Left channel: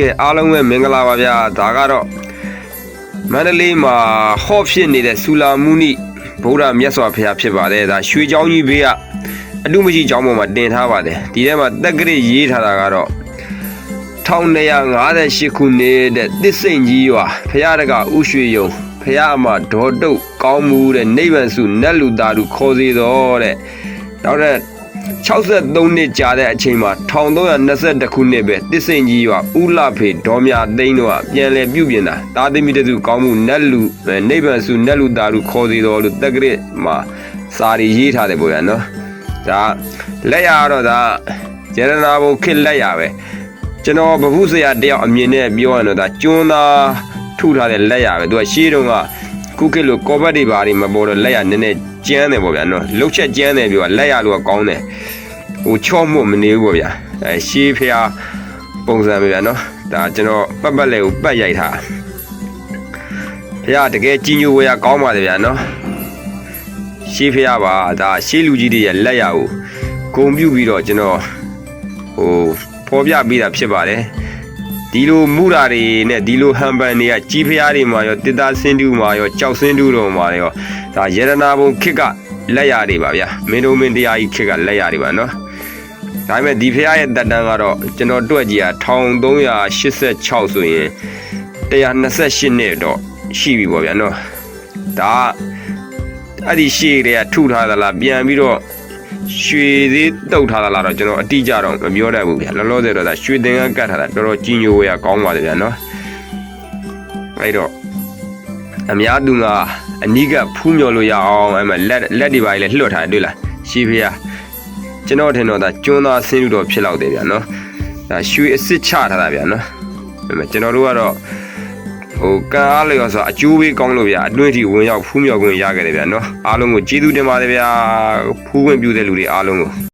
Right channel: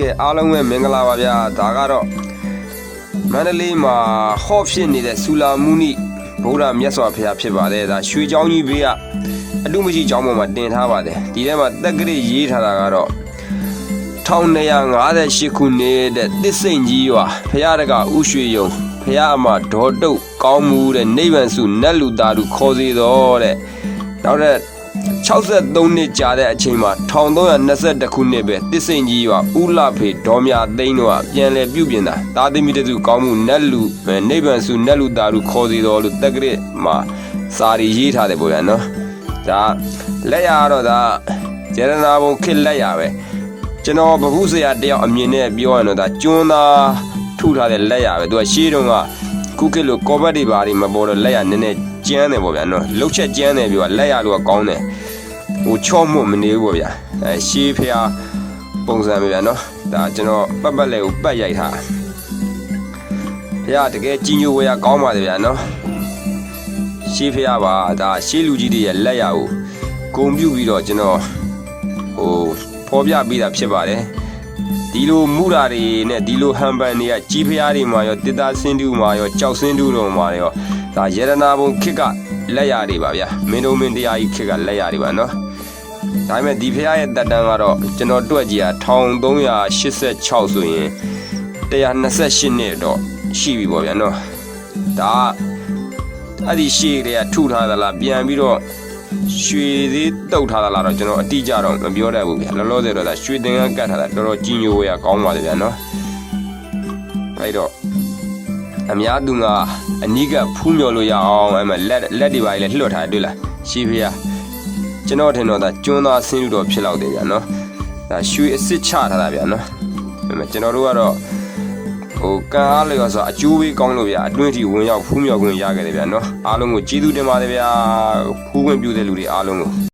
ကဲအားလုံးပဲမင်္ဂလာပါဗျာဒါကတော့မန္တလေးမှာဟော့ဖြစ်နေတဲ့ဆူလာမူနီဗုဒ္ဓမြတ်စွာဘုရားဖြစ်ပါတယ်ဒါရွှေချောင်းကြီးဘေးကအတုမကြီးချောင်းပေါ်မှာတင်ထားပါတယ်ဒီထဲမှာတက်ကရစ်ရေးထားတာကတော့1958ခုနှစ်တဲ့တစ္စိန်ကြီးရွာဘုရားတကဥရွှေယုံဘုရားအမဒေါ်တုတ်ကောင်းမှုတဲ့နိဗ္ဗာန်စုနတ်လူသားလူခေါ်စီတော်တဲ့နောက်တဲ့ 63နှစ်ကြာတဲ့အချိန်မှာ1322ခုနှစ်ပဲတစ်စိန်ကြီးရွာဥလဖေဒေါ်မြသိန်းတို့ကပြန်လည်ပြုပြင်တာတာသမီတစုကောင်းမှုနတ်လူအဲနိဗ္ဗာန်စုနတ်လူသားတို့ခေါ်စီတော်လို့တက္ကရမှာစာရီရေးထားတယ်ပေါ့ဗျာနော်ဒါလက်ရတော့ဒါကျေရနာဘုံခစ်လက်ရပဲကျွန်တော်ဗဟုဆရာတယောက်အမြင်နဲ့ပြောရင်တော့ဒါကျွန်းသားထုထားတဲ့လက်ရပဲသူကရှေးတုန်းကကုကစ်လို့ကောဘတ်တွေဘာတွေမပေါ်တော့လက်ရနည်းနည်းကျန်းတယ်ပေါ့ဗျာနော်လှုပ်ချက်ကျန်းတယ်ပြောလက်ရတော့ကောင်းတယ် ဟိုချော့မှုမနေဘူးပေါ့ဗျာအဲရှေးဖျားပုံစံပဲဗျာနော်ဒါကျွန်တော်ပတ်ပတ်လေးကိုပတ်ရိုက်ထားဖျားတကယ်ကြီးညိုဝေရကောင်းပါလေဗျာနော်ရှေးဖျားပါဒါရှေးလူကြီးတွေရဲ့လက်ရကိုဂုံပြုတ်ပြီးတော့ကျွန်တော်ဟိုဖော်ပြပေးတာဖြစ်ပါတယ်ဒီလိုမူရာတွေနဲ့ဒီလိုဟန်ပန်တွေကကြီးဖျားတွေမှာရောတစ်သားစင်းတူးမှာရောကြောက်စင်းတူးတော်မှာရောဒါယေရနာဘုံခစ်ကလက်ရတွေပါဗျာမင်းတို့မင်းတရားကြီးခစ်ကလက်ရတွေပါနော် ဒါပေမဲ့ဒီဖះရဲ့တက်တန်းကတော့ကျွန်တော်တွက်ကြည့်တာ1386ဆိုရင်128နှစ်တော့ရှိပြီပေါ့ဗျာနော်ဒါအဲ့ဒီရှေ့တွေကထုထားသလားပြန်ပြီးတော့ရွှေသေးတုတ်ထားသလားတော့ကျွန်တော်အတိအကျတော့မပြောတတ်ဘူးဗျာလောလောဆယ်တော့ဒါရွှေသင်္ကန်းကတ်ထားတာတော်တော်ကြီးညိုဝေးရကောင်းပါလေဗျာနော်အဲ့တော့အများသူကအနီးကဖူးမြော်လို့ရအောင်အဲ့မှာလက်လက်တွေပါလေလှွတ်ထားတယ်တွေ့လားရှေးဖះ ကျွန်တော်ထင်တော့ဒါကျွန်းသားဆင်းလို့တော့ဖြစ်လောက်တယ်ဗျာနော်ဒါရွှေအစ်စ်ချထားတာဗျာနော်ဒါပေမဲ့ကျွန်တော်တို့ကတော့ဟိုကံအားလျော်ဆိုအကျိုးပေးကောင်းလို့ဗျာအတွင်းထိဝင်ရောက်ဖူးမြော်ခွင့်ရခဲ့တယ်ဗျာနော်အားလုံးကိုကျေးဇူးတင်ပါတယ်ဗျာဖူးခွင့်ပြုတဲ့လူတွေအားလုံးကို